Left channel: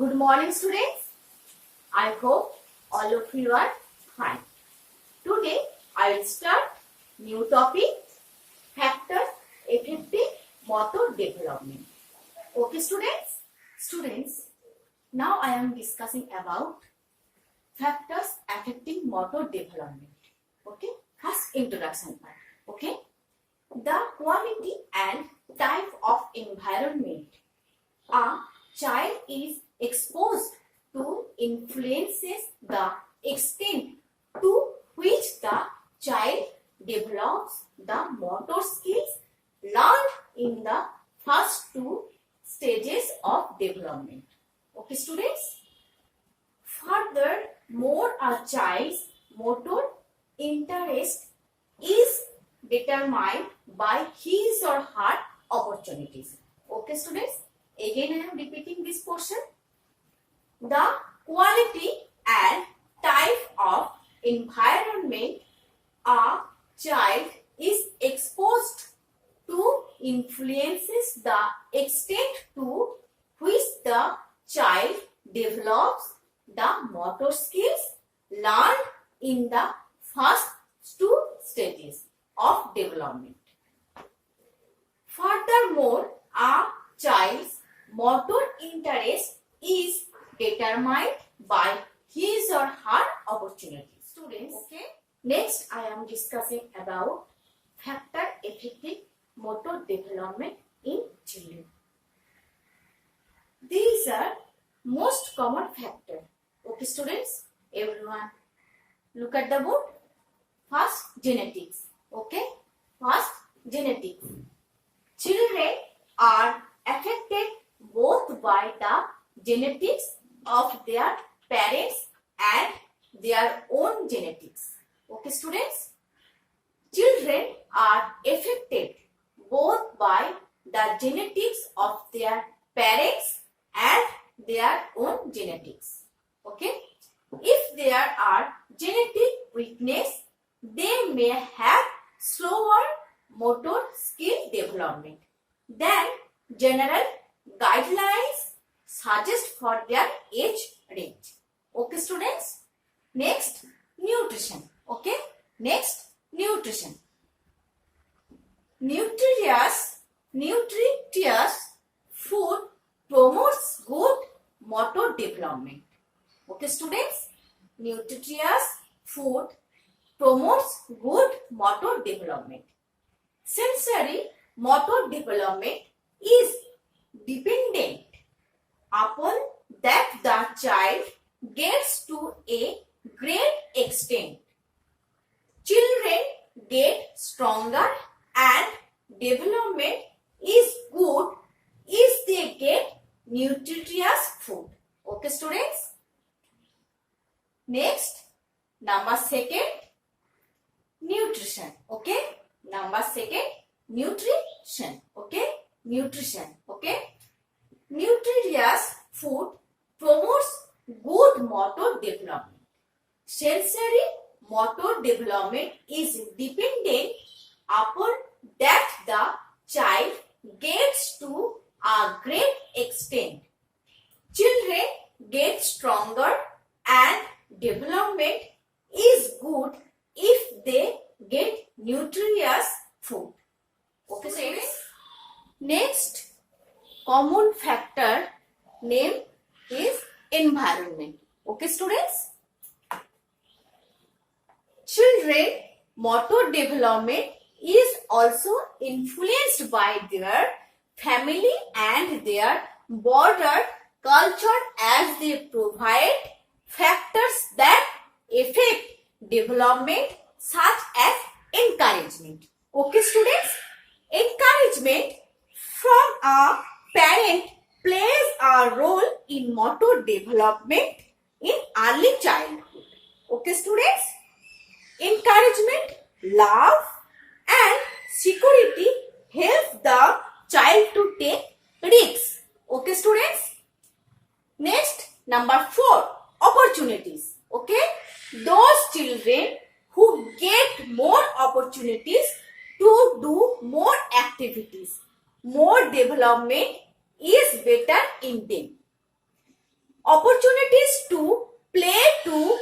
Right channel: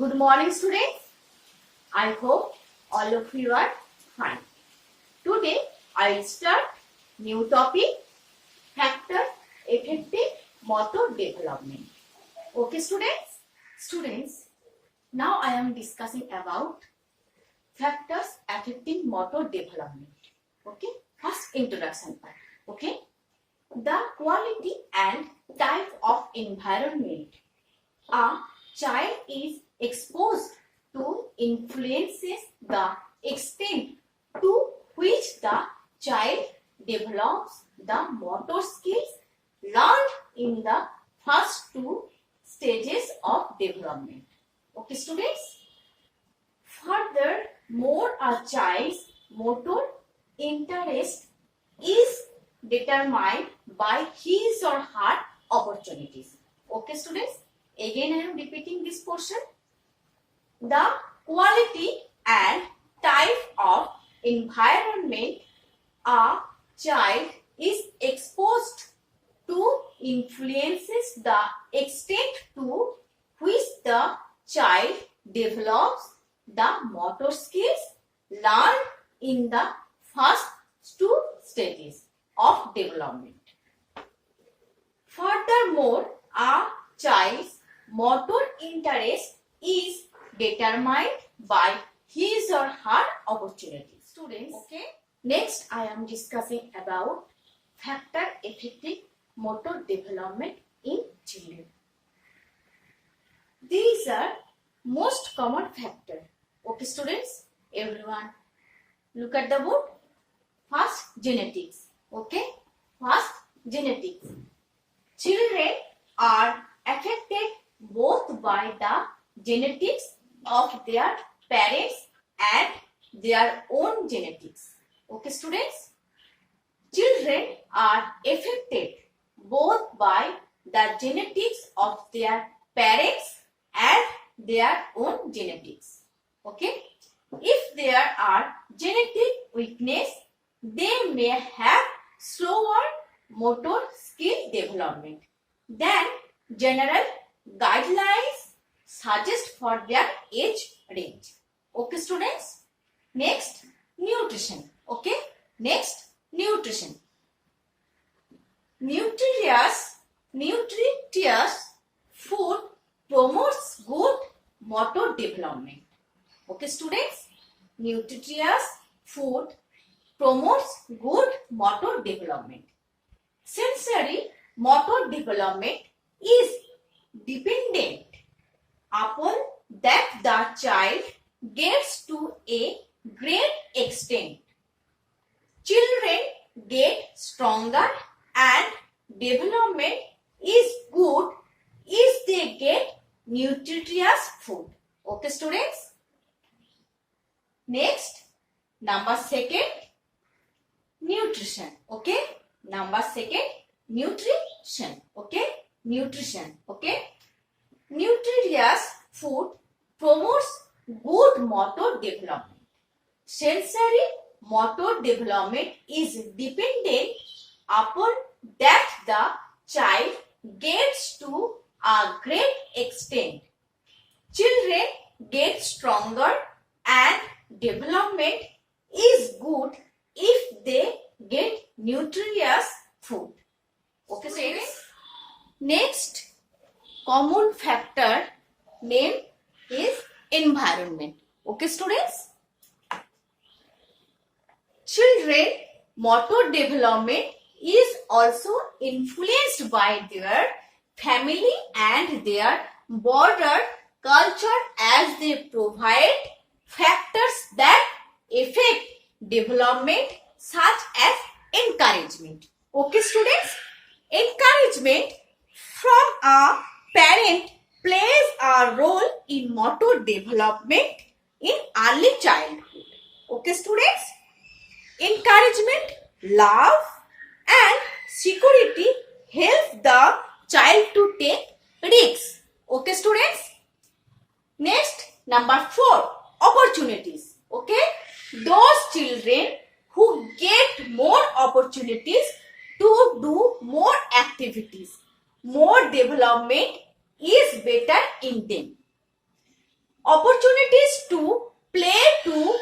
Good morning, students. I hope all of you are fine. Today I will start new topic, factors affecting motor development. Okay, students? Students, now I am discussing about factors affecting motor development. Okay, first introduction part. Okay, the quality and type of environment a child is exposed to influences the extent to which the child develops the motor skills learned in the first two stages of development. Okay, students? Furthermore, a child's motor interest is determined by his or her opportunities. Okay, students? Again, I am repeating this portion. The quality and type of environment a child is exposed to influences the extent to which the child develops the motor skills learned in the first two stages of development. Furthermore, a child's motor interest is determined by his or her opportunities. Students, okay. Next, I am discussing about factor affecting motor development in children. These are most common factors. Okay, students, everyone, look at the board. First, genetics. Okay, first, genetics. Children are affected both by the genetics of their parents and their own genetics. Okay, students? Children are affected both by the genetics of their parents and their own genetics. Okay? If there are genetic weakness, they may have slower motor skill development than general guidelines suggest for their age range. Okay, students? Next, nutrition. Okay? Next, nutrition. Nutritious food promotes good motor development. Okay, students? Nutritious food promotes good motor development. Sensory motor development is dependent upon that the child gets to a great extent. Children get stronger and development is good if they get nutritious food. Okay, students? Next, number second, nutrition. Okay? Number second, nutrition. Okay? Nutrition. Okay? Nutritious food promotes good motor development. Sensory motor development is dependent upon that the child gets to a great extent. Children get stronger and development is good if they get nutritious food. Okay, students? Next common factor name is environment. Okay, students? Children motor development is also influenced by their family and their broader culture as they provide factors that affect development such as encouragement. Okay, students? Encouragement from a parent plays a role in motor development in early childhood. Okay, students? Encouragement, love and security help the child to take risks. Okay, students? Next, number 4, opportunities. Okay? Those children who get more opportunities to do more activities, more development is better in them. opportunities to play to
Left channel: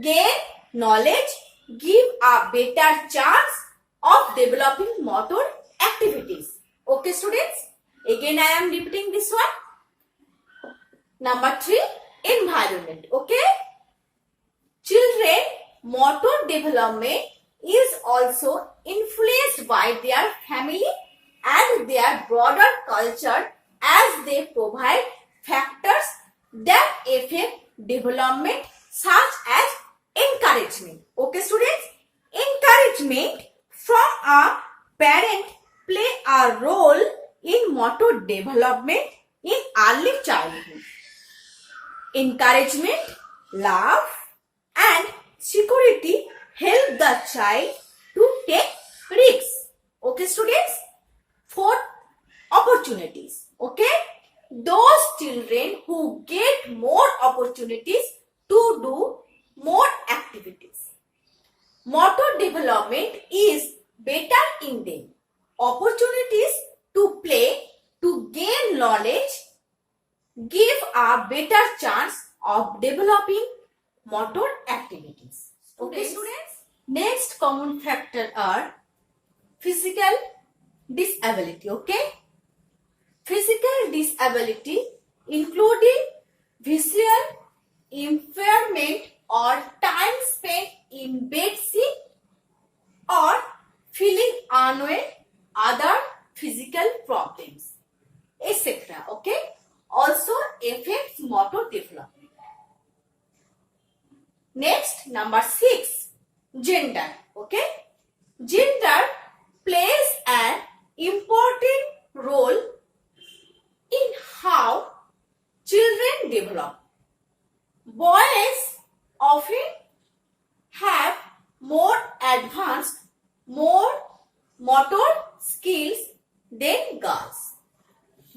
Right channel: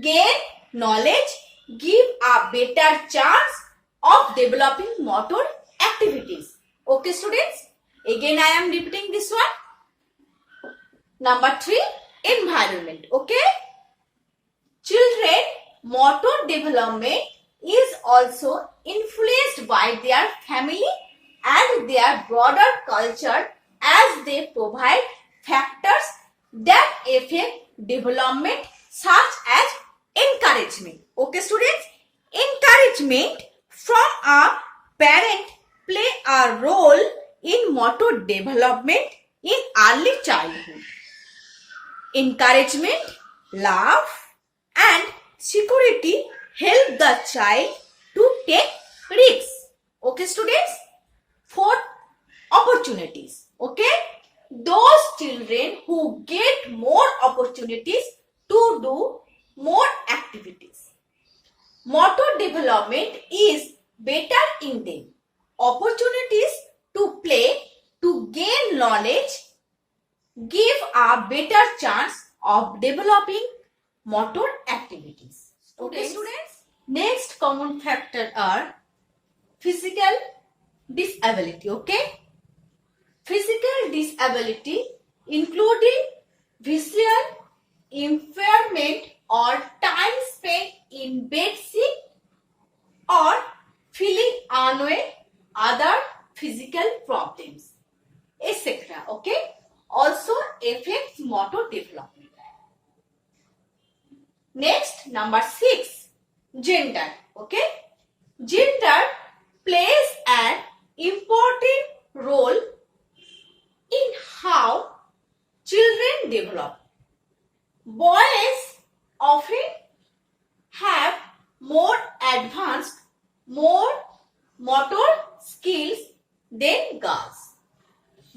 gain knowledge, give a better chance of developing motor activities. Okay, students? Again, I am repeating this one. Number 3, environment. Okay? Children motor development is also influenced by their family and their broader culture, as they provide factors that affect development, such as encouragement. Okay, students? Encouragement from a parent play a role in motor development in early childhood. Encouragement, love, and security help the child to take risks. Okay, students? 4, opportunities. Okay? Those children who get more opportunities to do more activities. Motor development is better in them. Opportunities to play, to gain knowledge, give a better chance of developing motor activities. Okay, students? Next common factor are physical disability. Okay? Physical disability including visual impairment or time spent in bed sick or feeling unwell, other physical problems, etc. Okay? Also affects motor development. Next, number 6, gender. Okay? Gender plays an important role in how children develop. Boys often have more advanced, more motor skills than girls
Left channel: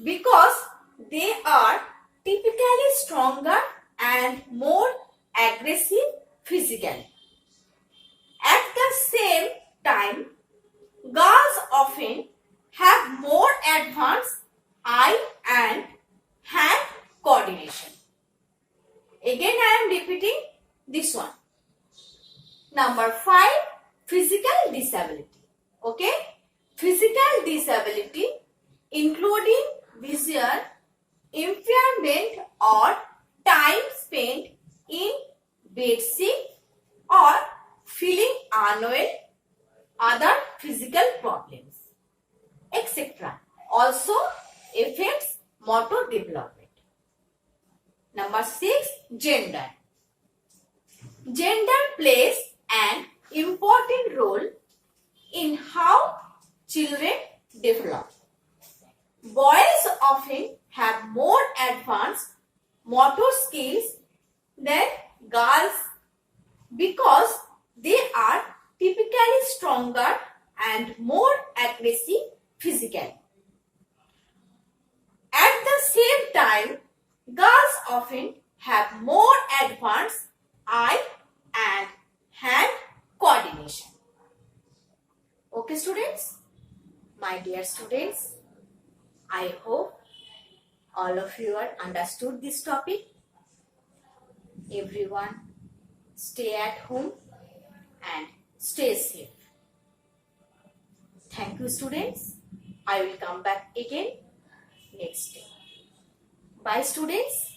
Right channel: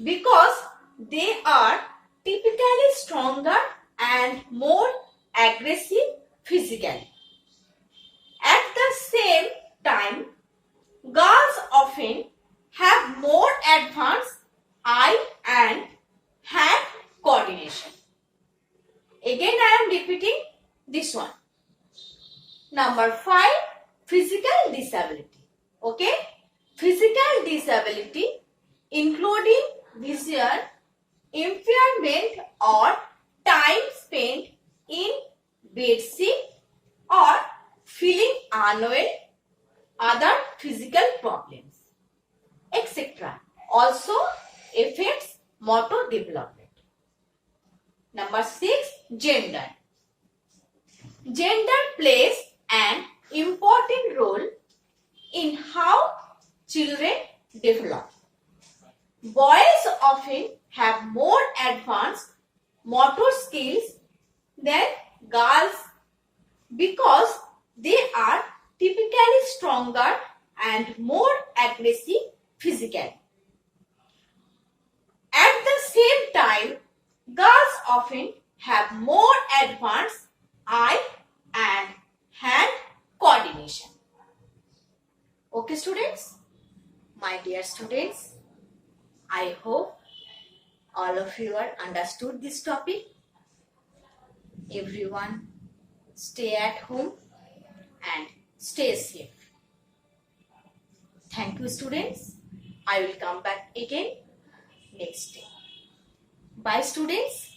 because they are typically stronger and more aggressive physically. At the same time, girls often have more advanced eye and hand coordination. Again, I am repeating this one. Number 5, physical disability. Okay? Physical disability including visual impairment or time spent in bed sick or feeling unwell, other physical problems, etc. also affects motor development. Number 6, gender. Gender plays an important role in how children develop. Boys often have more advanced motor skills than girls because they are typically stronger and more aggressive physically. At the same time, girls often have more advanced eye and hand coordination. Okay, students? My dear students, I hope all of you are understood this topic. Everyone, stay at home and stay safe. Thank you, students. I will come back again next day. Bye, students.